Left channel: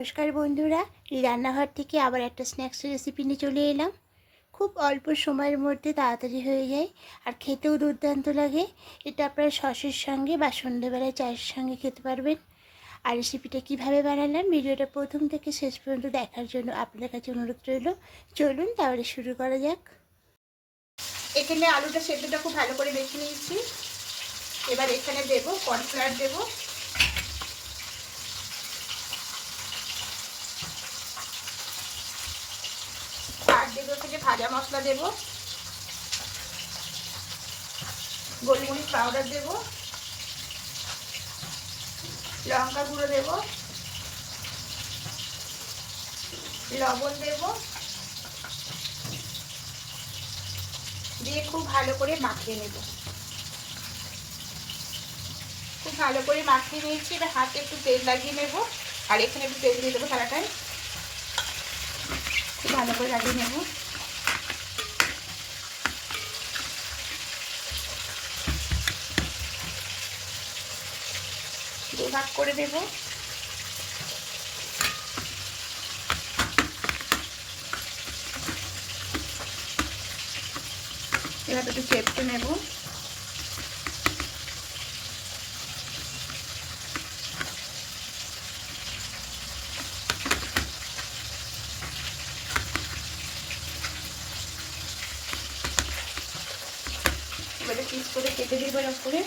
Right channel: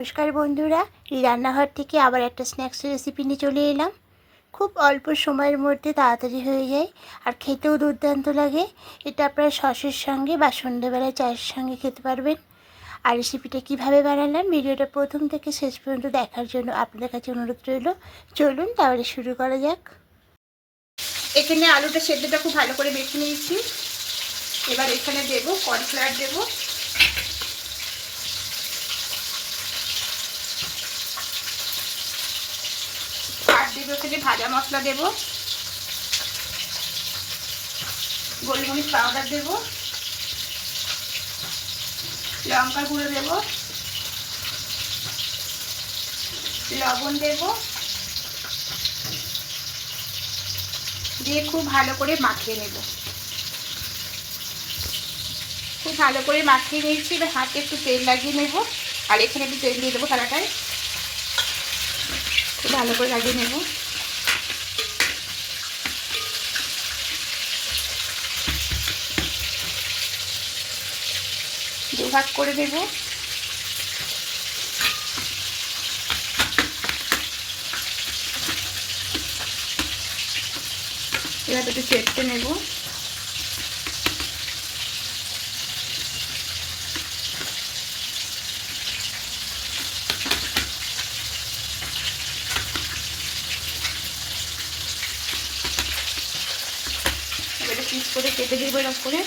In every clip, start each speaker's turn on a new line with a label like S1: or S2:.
S1: নমস্কার বন্ধুরা, রান্নাঘর থেকে আবার একটা স্ন্যাক্স রেসিপি নিয়ে চলে এলাম। খুব অল্প সময়ের মধ্যে তাড়াতাড়ি হয়ে যায় আর খেতেও দুর্দান্ত লাগে। এটা আপনারা সসের সঙ্গে বা সন্ধ্যেবেলায় চায়ের সঙ্গে খেতে পারবেন। আর রেসিপিটা কীভাবে বানালাম, ভিডিওটা প্রথম থেকে শেষ পর্যন্ত দেখার জন্য আপনাদের কাছে অনুরোধ রইল। চলুন তাহলে শুরু করা যাক। এখানে আলুটা সেদ্ধটা খুব ভালো করে বেছে নিয়েছি। এবার এখানে দেবো কর্নফ্লাওয়ার দেবো। থেকে ভাজা মশলা দেবো। গোলমরিচ পাউডার দেবো। লঙ্কা গুঁড়ো দেবো। লবণ দেবো। দিয়ে খুব ভালো করে মাখিয়ে নেব। খুব ভালো করে মাখিয়ে নিয়েছি। এবার হাতে একটু তেল লাগিয়ে নেব। আর এখানে একটু তেল দিয়ে দেবো খুব ভালো করে লাগিয়ে নেব। দুভাগ করে দেব। এবার একটু চেটে নেব। এবারে পিস করে কেটে দিব এরকম করে।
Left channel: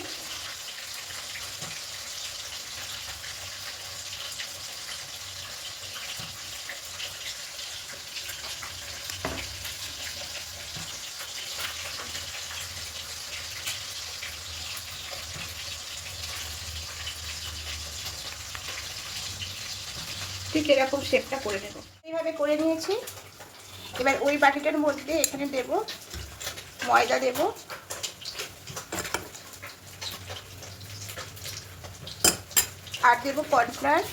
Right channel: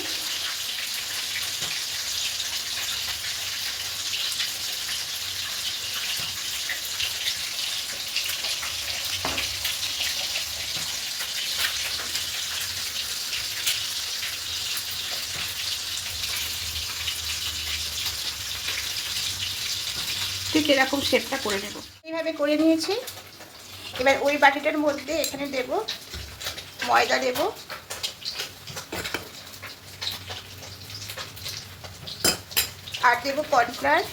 S1: ঠিক এরকম শেপটা করে নেব। এইভাবে করে নিয়েছি। এবার ওই বাটিটার মধ্যে এখানে দেব ময়দা দেব। আর দেব কর্নফ্লাওয়ার।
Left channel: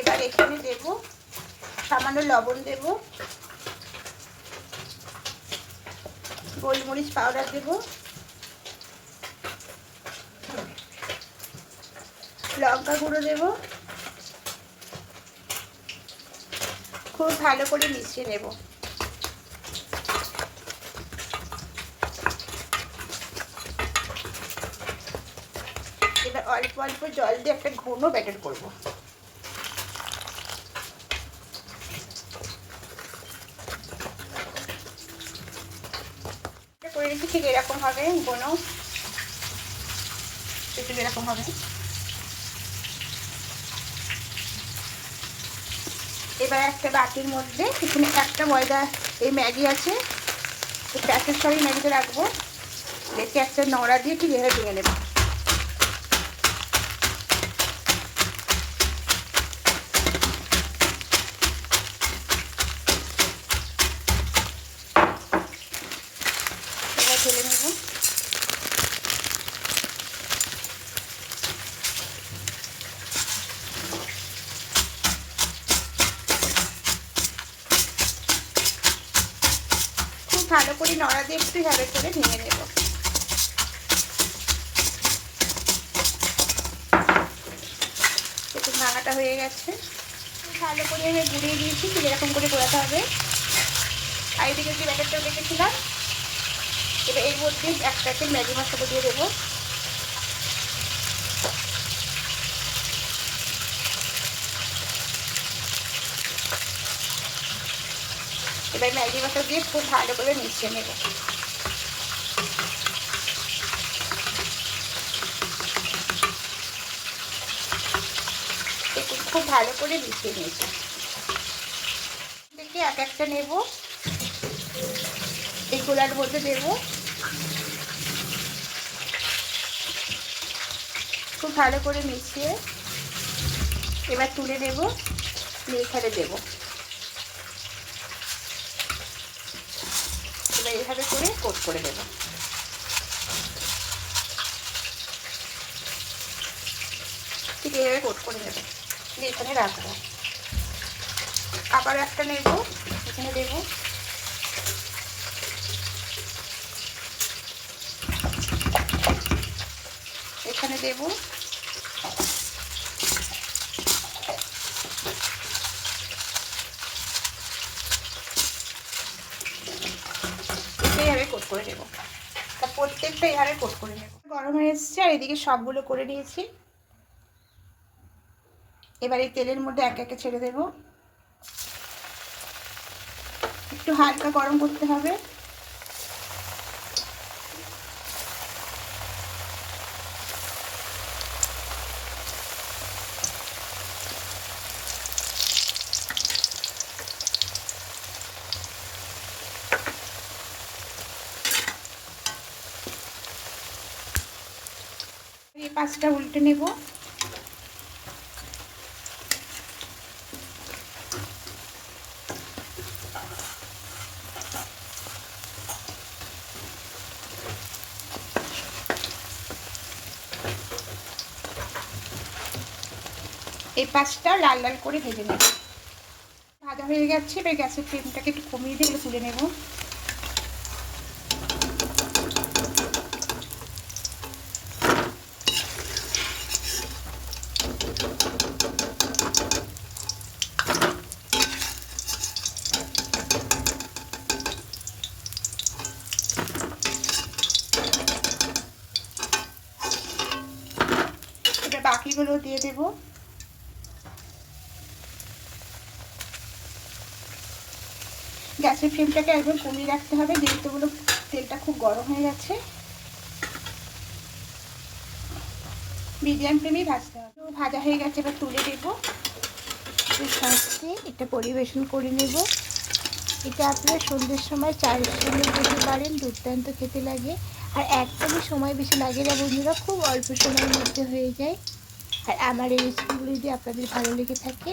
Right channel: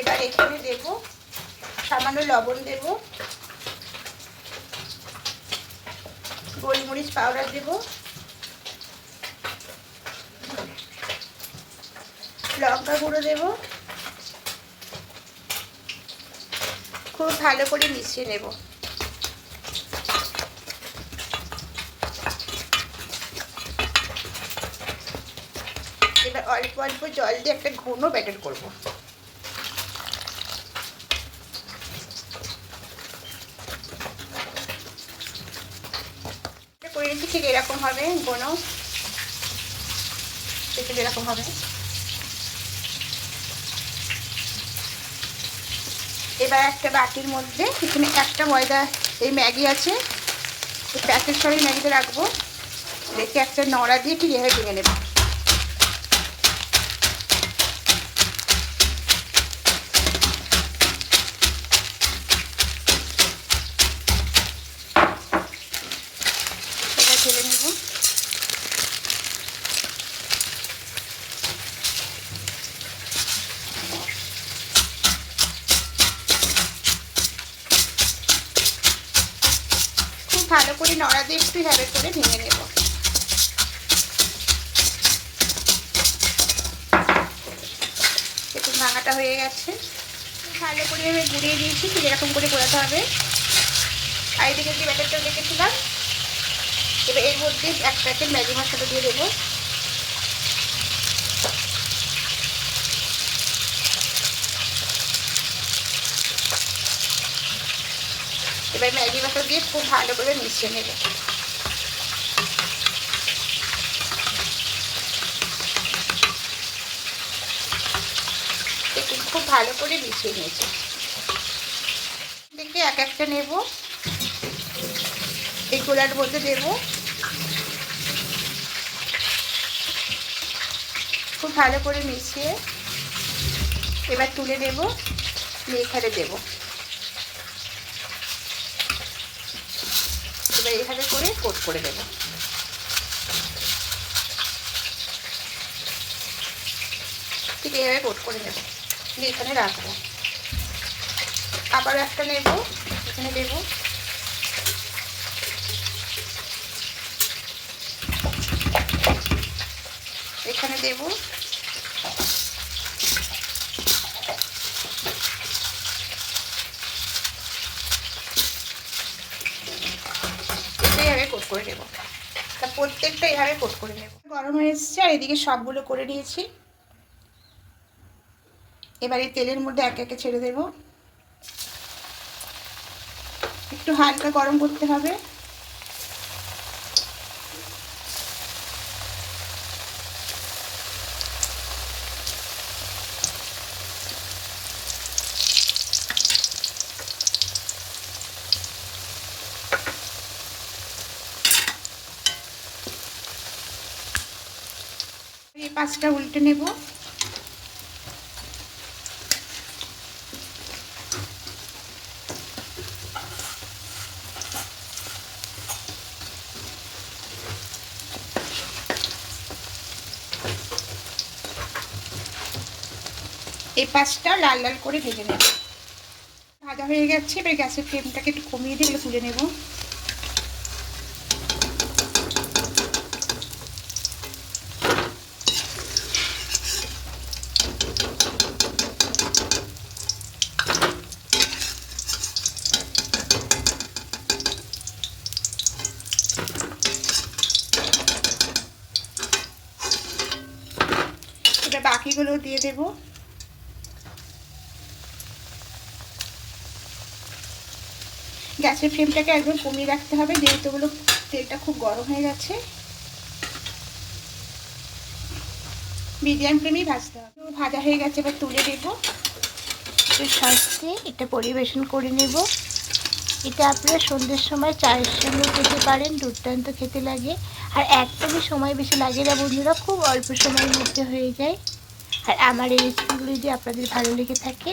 S1: এবার এখানে দেব সামান্য লবণ দেব। গোলমরিচ পাউডার দেবো। লঙ্কা গুঁড়ো দেব। খুব ভালো করে মিশিয়ে নেব। এবার অল্প অল্প জল দিয়ে একটা ঘন ব্যাটার করব। ঠিক এরকম হবে ঘন এরকম হবে। এবার একটা বাটির মধ্যে এখানে একটা ময়দা, এই ম্যাগি আছে। প্যাকেট সরি ম্যাগিতে রাখব। রেখে একটা নড়া দিয়ে ঠিক এভাবে ভেঙে নেব। ভালো করে নড়া দিয়ে একটু হ্যাবে করে ভেঙে নেব। একটু ভাঙাটা হয়ে গেছে। ভালো করে আমি গুঁড়িয়ে দিয়েছি, ঠিক এরকম করে গোড়াতে হবে। আর এদিকে যে ব্যাটারটা রেখেছিলাম এবার এর মধ্যে এক প্যাকেট ম্যাগি মশলা দিয়ে দেবো। এবার ম্যাগি মশলা দিয়ে খুব ভালো করে মিশিয়ে নেব। খুব ভালো করে মিশিয়ে নিয়েছি। দেখে এক একটা নেব। এই গোলার মধ্যে দেব। খুব ভালো করে মিশিয়ে এবার তুলে নেব। নিয়ে এখানে দেবো। এইভাবে করে কোট করে দেব ঠিক এইভাবে কোট করে নেব। দিয়ে এখানে রাখব। আবার একটা নেব, এখানে দেবো এখানে দেবো এটাই আমি কোট করে নেব। তা প্রত্যেকটা এভাবে কোট করে নেব। গরম হয়ে এসেছে, আর এদিকে সবগুলো করে নিয়েছি। এবারে তেলের মধ্যে একে একে ছেড়ে দেব। একটু হালকা গরম করতে হবে। এই পাঁচটা উল্টে নেব। এই পাঁচটা লাল লাল করে ভেজে নেব। ভাজা হয়ে গেছে, এবার গ্যাসের ফ্লেমটাকে একটু কমিয়ে দিয়ে তুলে নেব এবার বাকিগুলো দিয়ে দেব। গ্যাসের ফ্লেমটাকে একদম কমিয়ে রাখতে হবে, যেহেতু ওগুলো তেলটা খুব গরম হয়ে গেছে। মিডিয়াম ফ্লেমেই ভাজতে হবে। ভাজা হয়ে গেছে, এবার তুলে দেব সাজতে এটা পরিবেশন করে নেব। এটা আপনারা সন্ধ্যের সময় চায়ের সঙ্গে খেতে পারেন, দুর্দান্ত খেতে লাগে। আর একদমই সময় বেশি লাগে না বন্ধুরা, খুব অল্প সময়ের মধ্যে হয়ে যায়। আর আমার এই রেসিপিগুলো যদি আপনাদের ভালো লেগে থাকে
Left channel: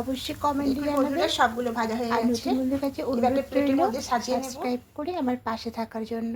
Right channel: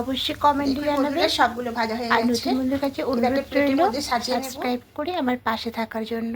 S1: অবশ্যই কমেন্টে জানাবেন।
S2: সবগুলো ভাজা হয়ে গেছে।
S1: আর নতুন বন্ধুর কাছে অনুরোধ রইল। সাবস্ক্রাইব করে আমার পাশে থাকার জন্য।